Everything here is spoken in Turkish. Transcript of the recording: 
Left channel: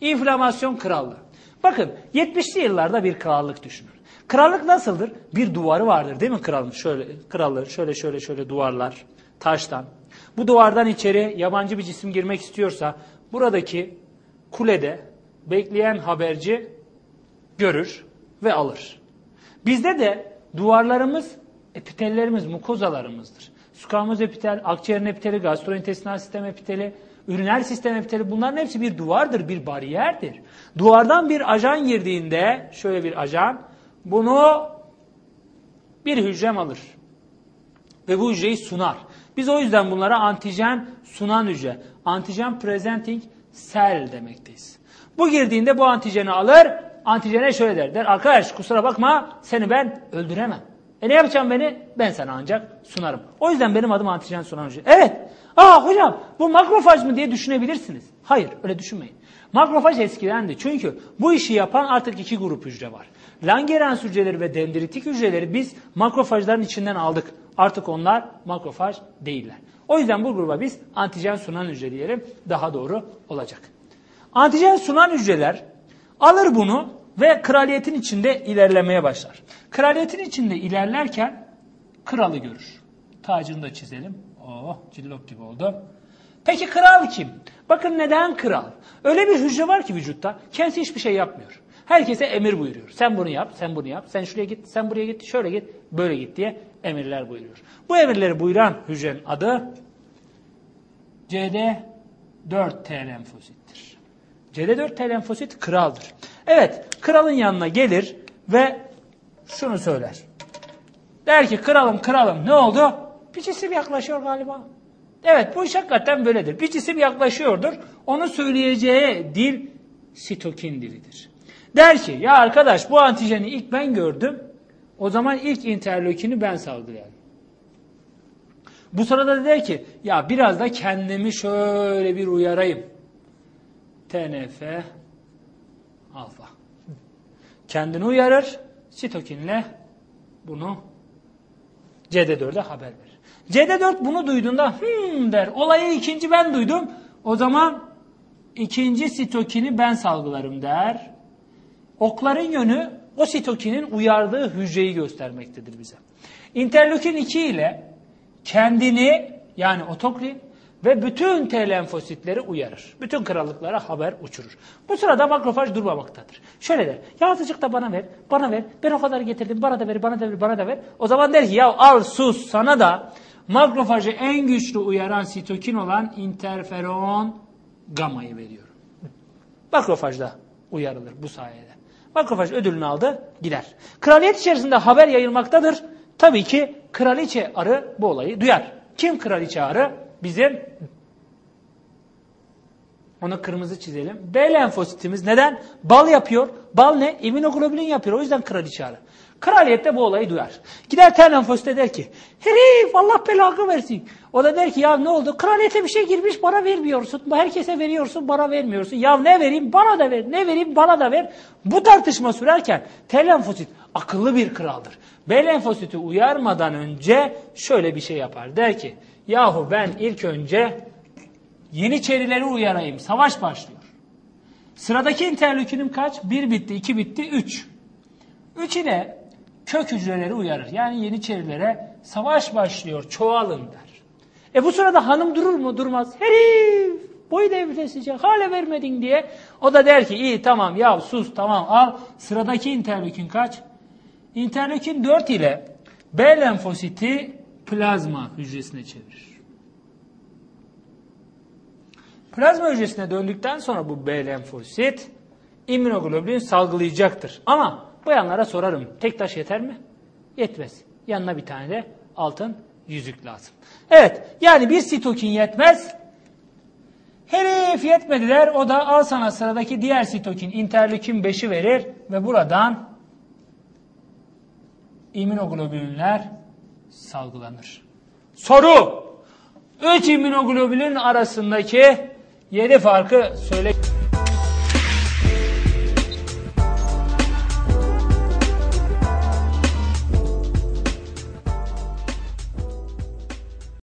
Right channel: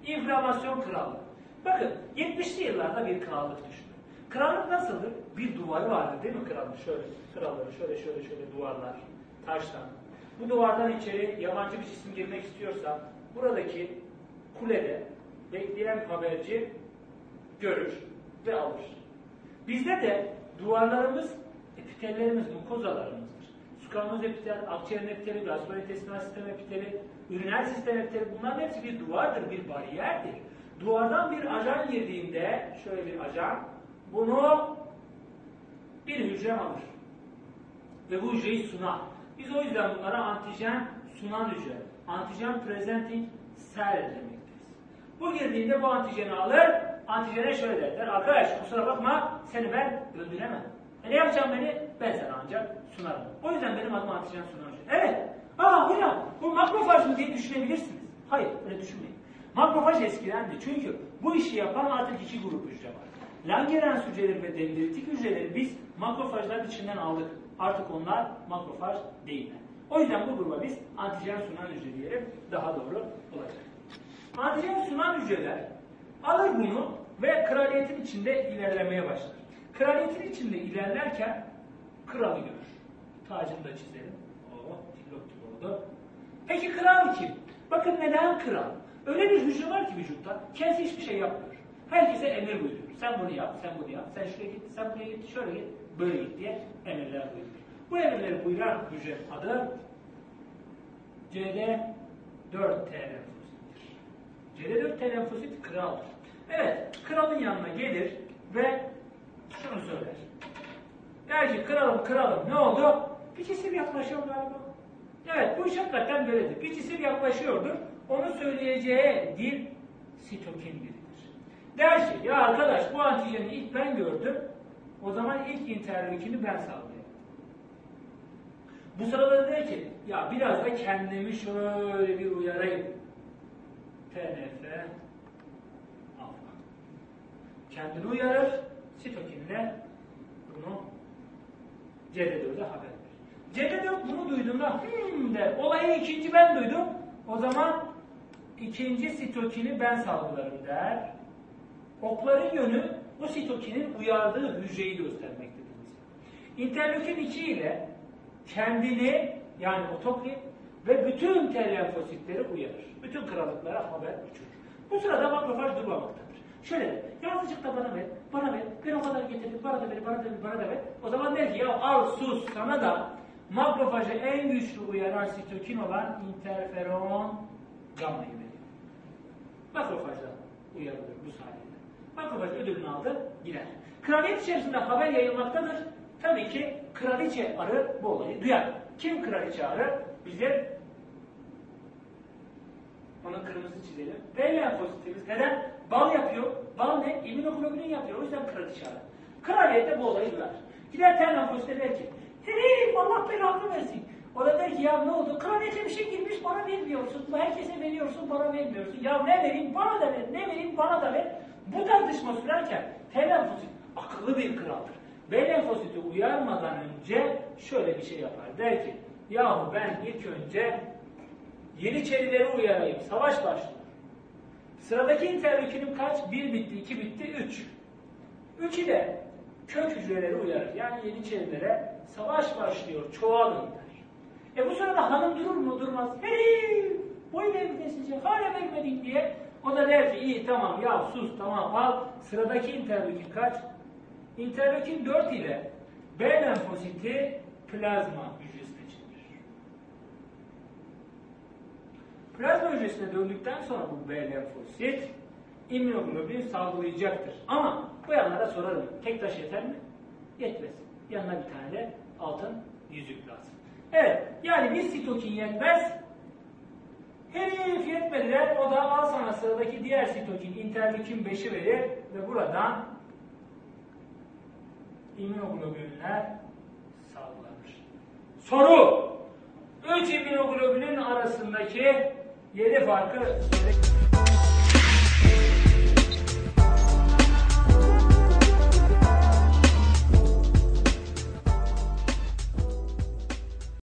İnflamasyon krallığı. Bakın 70'li yıllarda bir krallık düşünün. Krallık nasıldır? Bir duvarı vardır değil mi kralın? Şöyle krallar şöyle şöyle şöyle duvarlar taştan. Bu duvardan içeri yabancı bir cisim girmek istiyorsa buradaki kulede bekleyen haberci görür ve alır. Bizde de duvarlarımız epitellerimiz, mukozalarımızdır. Squamous epitel, akciğerin epiteli, gastrointestinal sistem epiteli, üriner sistem epiteli bunların hepsi bir duvardır, bir bariyerdir. Duvardan bir ajan girdiğinde, şöyle bir ajan, bunu bir hücrem alır. Ve bu hücreyi sunar. Biz o yüzden bunlara antijen sunan hücre, antijen presenting cell demekteyiz. Bu girdiğinde bu antijeni alır, antijene şöyle der. Der arkadaş kusura bakma seni ben öldüremem. E ne yapacağım beni? Ben sana ancak sunarım. O yüzden benim adım antijen sunan hücre. Evet. Aa hocam bu makrofaj mı diye düşünebilirsiniz. Hayır öyle düşünmeyin. Makrofaj eskidendi. Çünkü bu işi yapan artık iki grup hücre var. Langerhans hücreleri ve dendritik hücreleri biz makrofajların içinden aldık. Artık onlar makrofaj değiller. O yüzden bu gruba biz antijen sunan hücre diyelim. Daha doğru olacak. Antijen sunan hücreler alır bunu ve kraliyetin içinde ilerlemeye başlar. Kraliyetin içinde ilerlerken kralı görür. Tacını da çizelim. Oh cillop gibi oldu. Peki kral kim? Bakın neden kral? Öyle bir hücre var ki vücutta kendisi hiçbir şey yapmıyor. Herkese emir buyuruyor. Sen bunu yap, sen bunu yap, sen şuraya git, sen buraya git, şöyle git, böyle git diye emirler buyuruyor. Bu emirleri buyuran hücrenin adı CD4T lenfosittir. CD4T lenfosit kraldır. Evet, kralın yanına gelir ve şunu söyler. Der ki kralım kralım ne oldu? Bir cisim yaklaşıyor galiba. Evet bu iş hakikaten böyledir. Bir cisim yaklaşıyordur. Onu söyleyeceği dil sitokin dilidir. Der ki ya arkadaş bu antijeni ilk ben gördüm. O zaman ilk interleukini ben salgılayalım. Bu sırada da der ki ya biraz da kendimi şöyle bir uyarayım. TNF alfa. Kendini uyarır. Sitokinle bunu CD4'e haber verir. CD4 bunu duyduğunda hmm der. Olayı ikinci ben duydum. O zaman ikinci sitokini ben salgılarım der. Okların yönü o sitokinin uyardığı hücreyi göstermektedir bize. Interleukin 2 ile kendini yani otokrin ve bütün T lenfositleri uyarır. Bütün krallıklara haber uçurur. Bu sırada makrofaj durmamaktadır. Şöyle der. Ya azıcık da bana ver. Bana ver. Ben o kadar getirdim. Bana da ver. Bana da ver. Bana da ver. O zaman der ki ya al sus sana da makrofajı en güçlü uyaran sitokin olan interferon gamayı veriyorum. Makrofajda uyarılır bu sayede. Makrofaj ödülünü aldı gider. Kraliyet içerisinde haber yayılmaktadır. Tabii ki kraliçe arı bu olayı duyar. Kim kraliçe arı? Bizim onu kırmızı çizelim. B lenfositimiz neden? Bal yapıyor. Bal ne? İmmünoglobulin yapıyor. O yüzden kraliçe arı. Kraliyet de bu olayı duyar. Gider ter lenfosite der ki herif Allah belanı versin. O da der ki ya ne oldu? Kraliyete bir şey girmiş bana vermiyorsun. Herkese veriyorsun bana vermiyorsun. Ya ne vereyim bana da ver. Ne vereyim bana da ver. Bu tartışma sürerken T lenfosit akıllı bir kraldır. B lenfositi uyarmadan önce şöyle bir şey yapar. Der ki yahu ben ilk önce Yeniçerileri uyarayım. Savaş başlıyor. Sıradaki interleukinim kaç? 1 bitti, 2 bitti, 3. 3 ile kök hücreleri uyarır. Yani Yeniçerilere savaş başlıyor, çoğalın der. E bu sırada hanım durur mu? Durmaz. Herif! Boy devresecek, hala vermedin diye. O da der ki iyi tamam ya sus tamam al. Sıradaki interleukin kaç? İnterleukin 4 ile B lenfositi plazma hücresine çevirir. Plazma hücresine döndükten sonra bu B lenfosit immünoglobulin salgılayacaktır. Ama bu yanlara sorarım. Tek taş yeter mi? Yetmez. Yanına bir tane de altın yüzük lazım. Evet yani bir sitokin yetmez. Herif yetmediler. O da al sana sıradaki diğer sitokin interleukin 5'i verir ve buradan immünoglobulinler salgılanır. Soru. 3 immünoglobulin arasındaki 7 farkı söyle.